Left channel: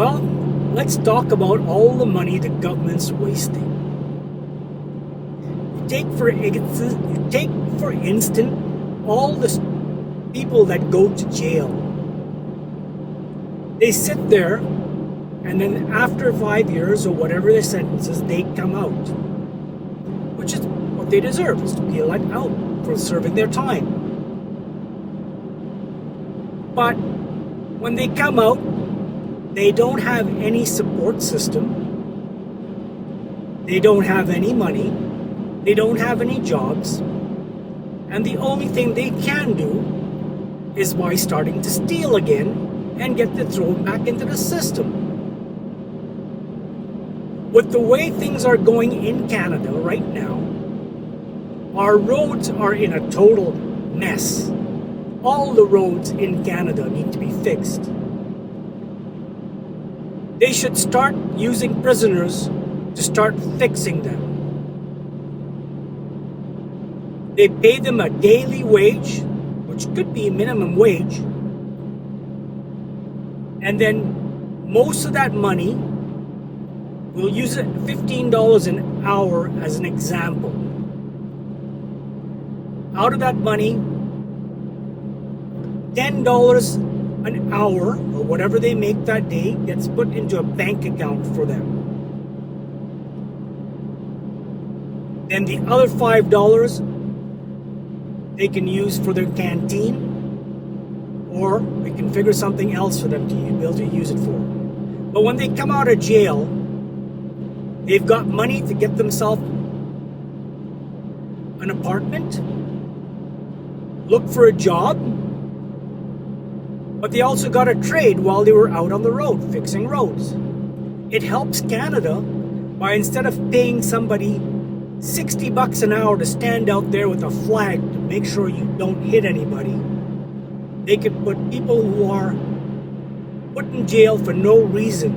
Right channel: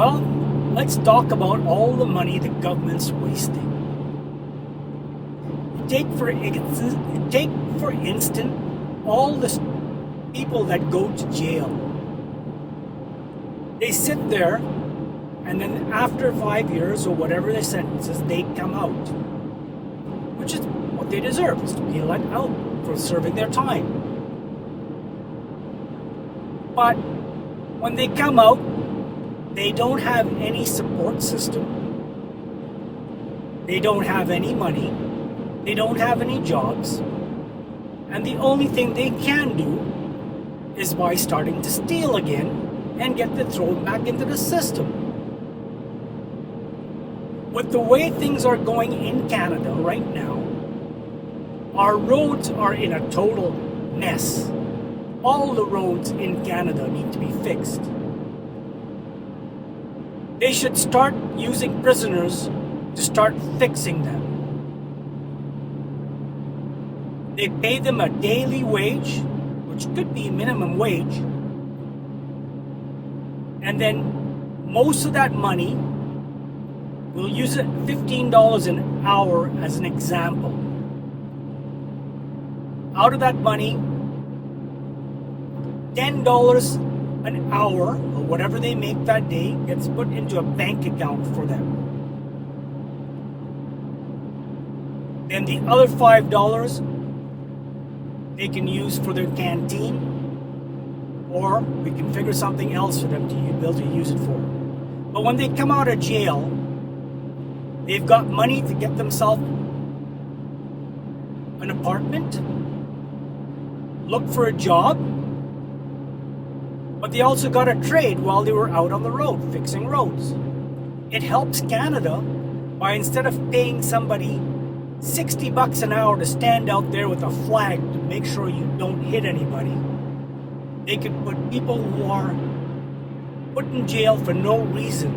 Well, let's talk about all the money the government's wasting. Take for instance all the people that go to jail. They sit there, and then after 5 years or whatever their sentences, they come out, which is what they deserve, is to be let out for serving their time. But when they come out, they don't have any support system. They don't have any money. They don't have any jobs. And the only thing they can do is by starting to steal again and get thrown back into the system. With the way things are going in Canada right now, our roads are in a total mess. All the roads in Canada need to be fixed. They should start using prisoners to start fixing them. They pay them a daily wage, which could be minimum wage, and then most of that money, we'll use it $15 an hour as an example. Out of that money, $10 an hour, or whatever they make that day, gets put into a bank account for them. Then the other $5 they can use for their canteen, or we can figure something else for them to be able to use it for. But when they come out of jail, they've got money to get themselves an apartment, look for a job, but they also got a trade while they were out on the road fixing roads. It helps Canada by, instead of paying somebody $60 an hour to stand out there with a flag to make sure you don't hit anybody, they could put people who are put in jail for no reason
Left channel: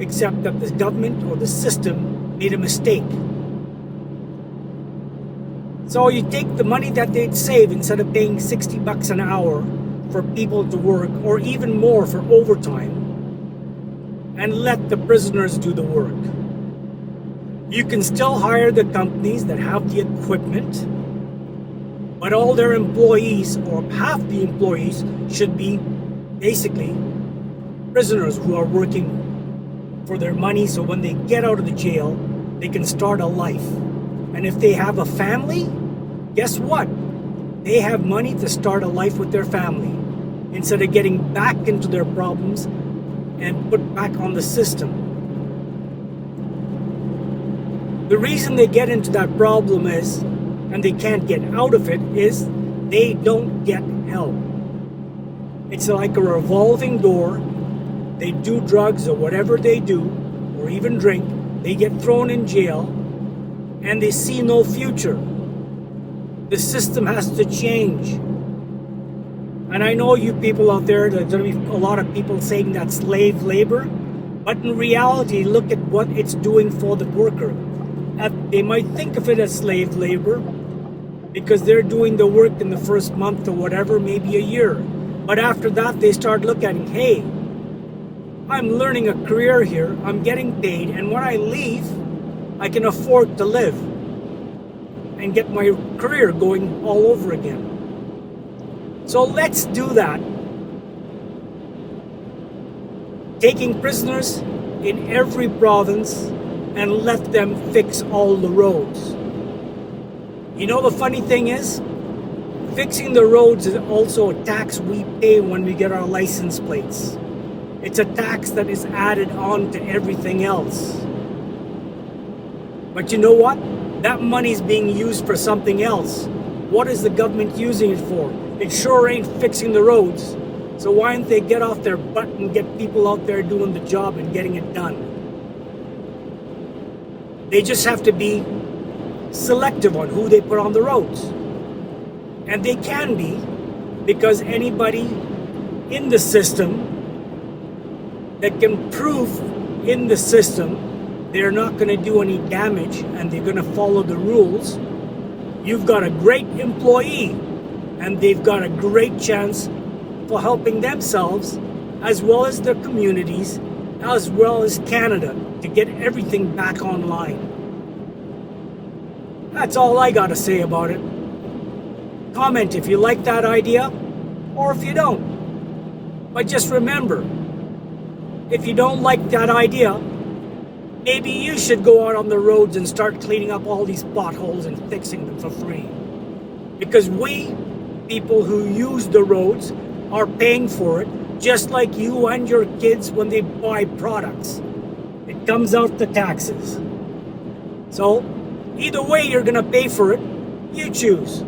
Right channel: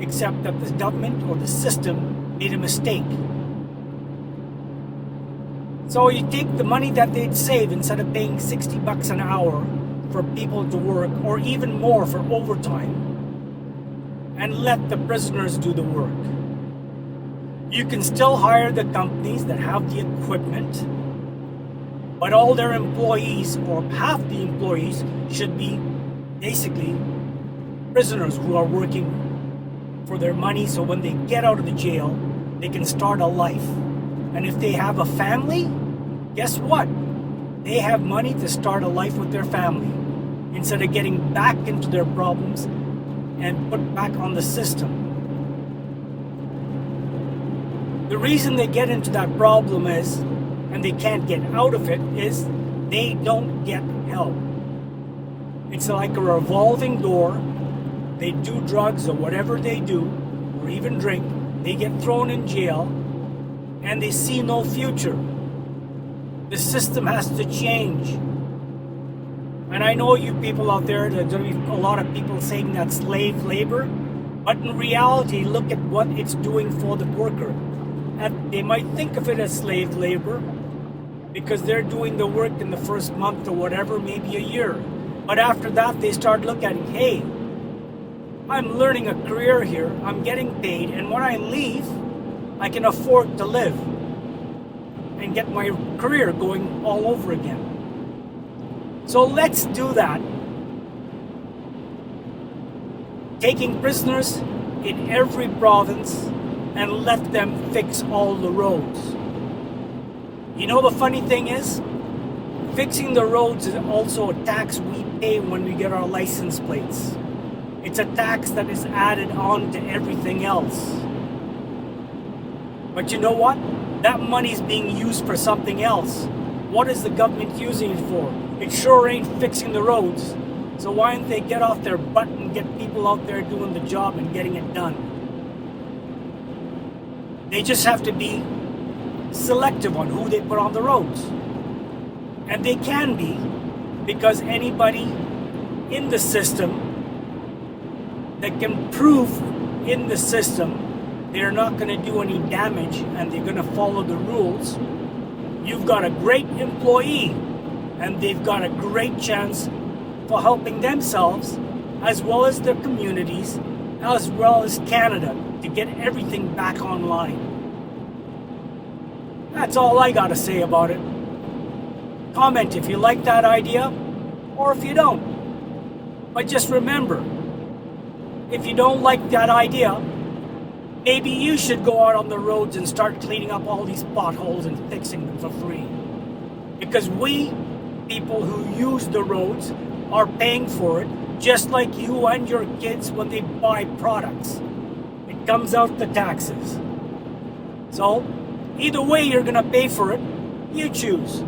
except that the government or the system made a mistake. So you take the money that they'd save, instead of paying $60 an hour for people to work, or even more for overtime, and let the prisoners do the work. You can still hire the companies that have the equipment, but all their employees, or half the employees, should be basically prisoners who are working for their money, so when they get out of the jail, they can start a life. And if they have a family, guess what? They have money to start a life with their family, instead of getting back into their problems and put back on the system. The reason they get into that problem is, and they can't get out of it, is they don't get help. It's like a revolving door. They do drugs or whatever they do, or even drink, they get thrown in jail, and they see no future. The system has to change. And I know you people out there, there's going to be a lot of people saying that's slave labor, but in reality, look at what it's doing for the worker. They might think of it as slave labor because they're doing the work in the first month or whatever, maybe a year. But after that, they start looking at, hey, I'm learning a career here, I'm getting paid, and when I leave, I can afford to live and get my career going all over again. So let's do that. Taking prisoners in every province and let them fix all the roads. You know, the funny thing is, fixing the roads is also a tax we pay when we get our license plates. It's a tax that is added on to everything else. But you know what? That money is being used for something else. What is the government using it for? It sure ain't fixing the roads. So why don't they get off their butt and get people out there doing the job and getting it done? They just have to be selective on who they put on the roads. And they can be, because anybody in the system that can prove in the system they're not going to do any damage and they're going to follow the rules, you've got a great employee, and they've got a great chance for helping themselves as well as their communities as well as Canada, to get everything back online. That's all I got to say about it. Comment if you like that idea, or if you don't. But just remember, if you don't like that idea, maybe you should go out on the roads and start cleaning up all these potholes and fixing them for free. Because we, people who use the roads, are paying for it, just like you and your kids when they buy products. It comes out the taxes. So, either way you're going to pay for it, you choose.